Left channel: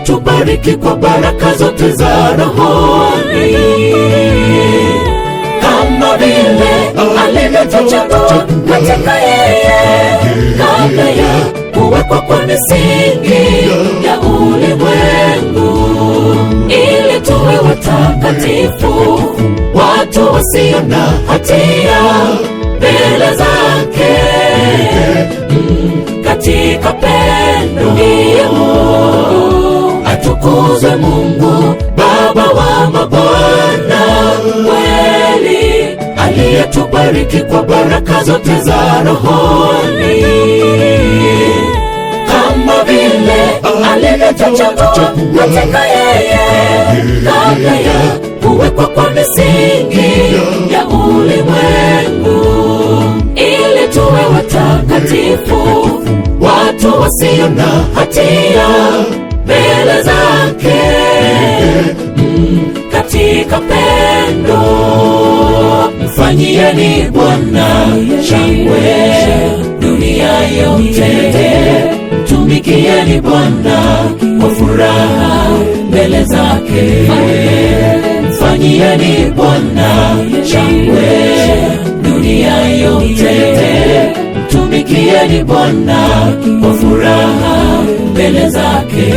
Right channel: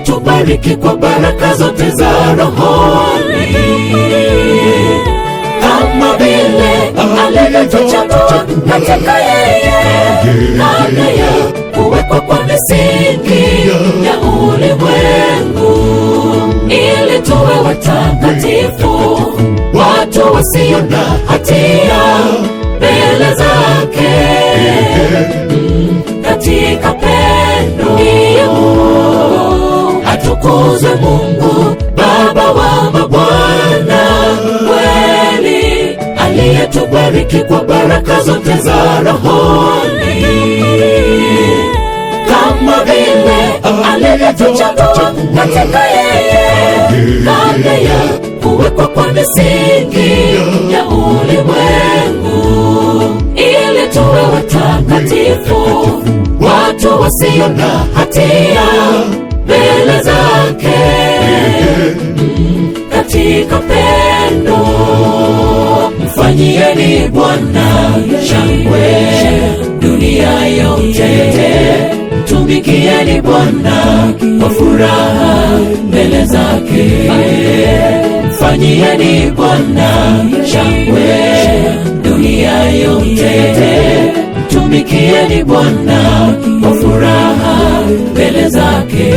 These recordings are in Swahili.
aliyetubariki kwa baraka zote za rohoni, kama vile alivyotuchagua katika yeye kabla ya kuwekwa kwa misingi ya ulimwengu, ili tuwe watakatifu, watu wasio na hatia mbele zake, katika pendo. Atukuzwe Mungu Baba wa mabwana, kweli aliyetubariki kwa baraka zote za rohoni, kama vile alivyotuchagua katika yeye kabla ya kuwekwa kwa misingi ya ulimwengu, ili tuwe watakatifu, watu wasio na hatia mbele zake, katika pendo. Mfanyieni Bwana shangwe dunia yote, mtumikieni Bwana kwa furaha mbele zake. Mfanyieni Bwana shangwe dunia yote, mtumikieni Bwana kwa furaha mbele zake.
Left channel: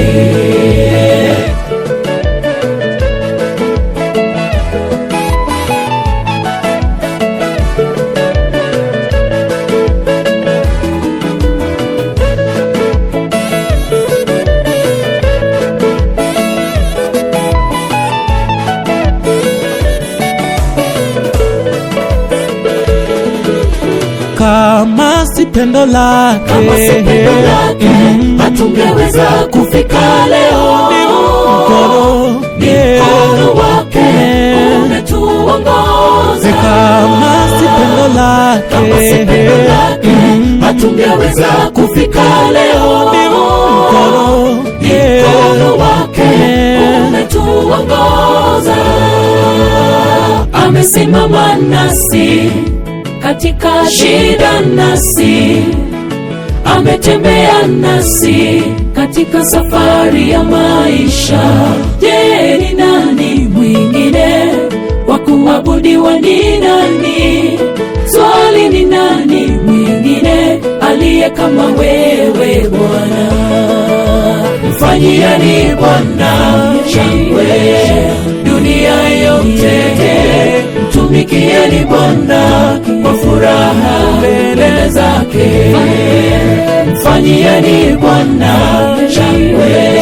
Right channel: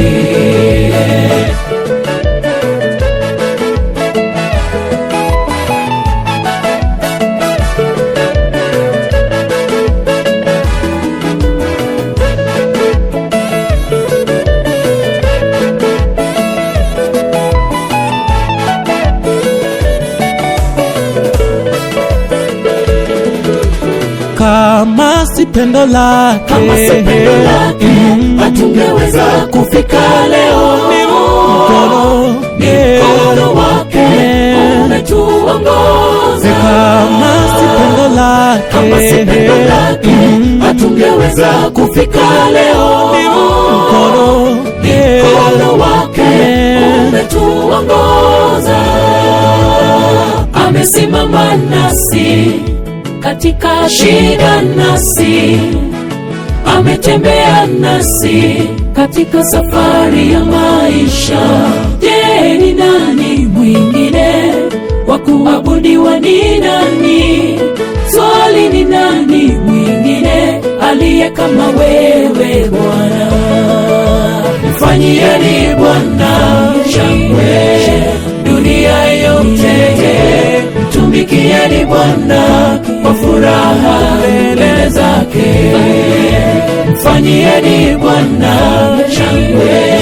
Kama si pendo lake hatungeweza kufika leo. Ni mkono wake umetuongoza. Kama si pendo lake hatungeweza kufika leo. Ni mkono wake umetuongoza. Amesimama nasi katika shida, nasi ametembea nasi katika safari ya maisha. Je, ni nani mwingine wa kuabudiwa? Ni nani? Swali, ni nani mwingine aliye kama wewe Bwana? Mfanyieni Bwana shangwe dunia yote, mtumikieni Bwana kwa furaha mbele zake. Mfanyieni Bwana shangwe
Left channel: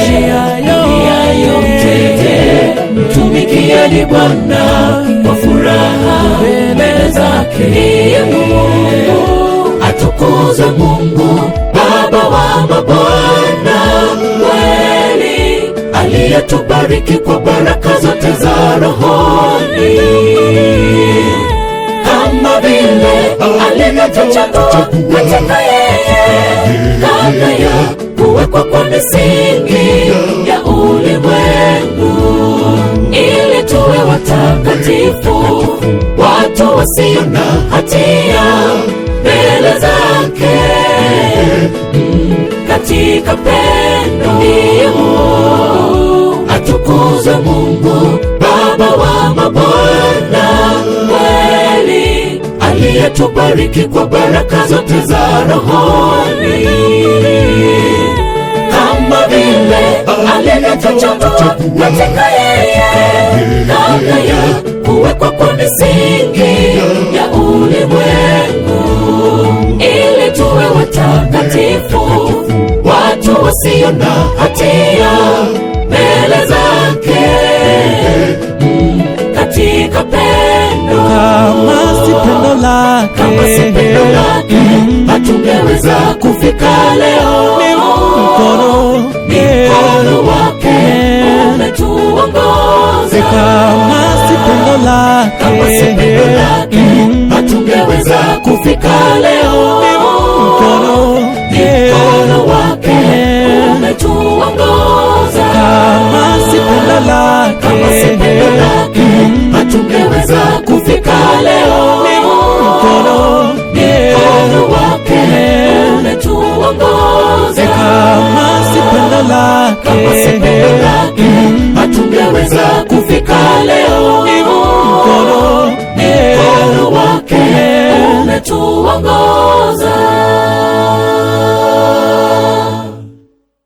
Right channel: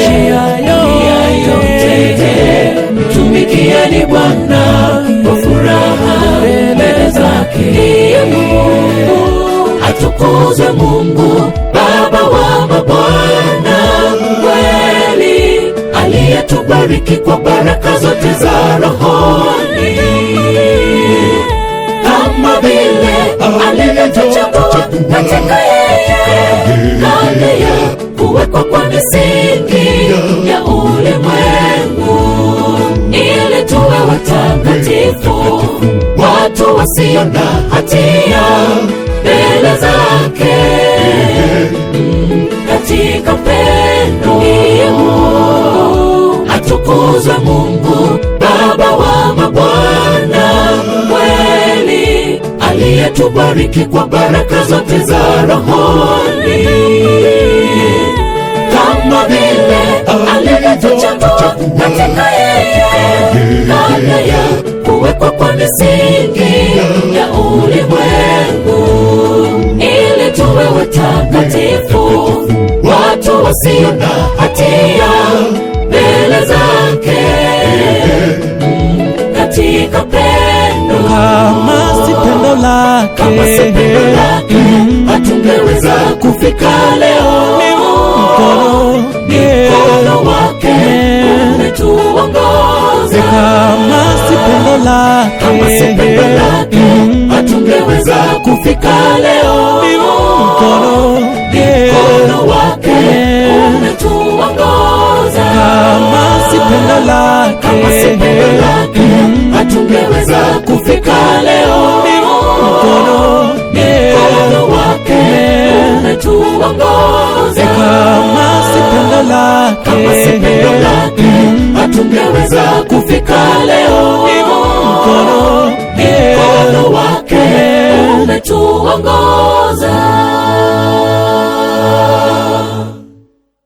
dunia yote, mtumikieni Bwana kwa furaha mbele zake. Atukuzwe Mungu Baba wa mabwana, kweli aliyetubariki kwa baraka zote za rohoni, kama vile alivyotuchagua katika yeye kabla ya kuwekwa kwa misingi ya ulimwengu, ili tuwe watakatifu, watu wasio na hatia mbele zake, katika pendo. Atukuzwe Mungu Baba wa mabwana, kweli aliyetubariki kwa baraka zote za rohoni, kama vile alivyotuchagua katika yeye kabla ya kuwekwa kwa misingi ya ulimwengu, ili tuwe watakatifu, watu wasio na hatia mbele zake, katika pendo. Kama si pendo lake hatungeweza kufika leo. Ni mkono wake umetuongoza. Kama si pendo lake hatungeweza kufika leo. Ni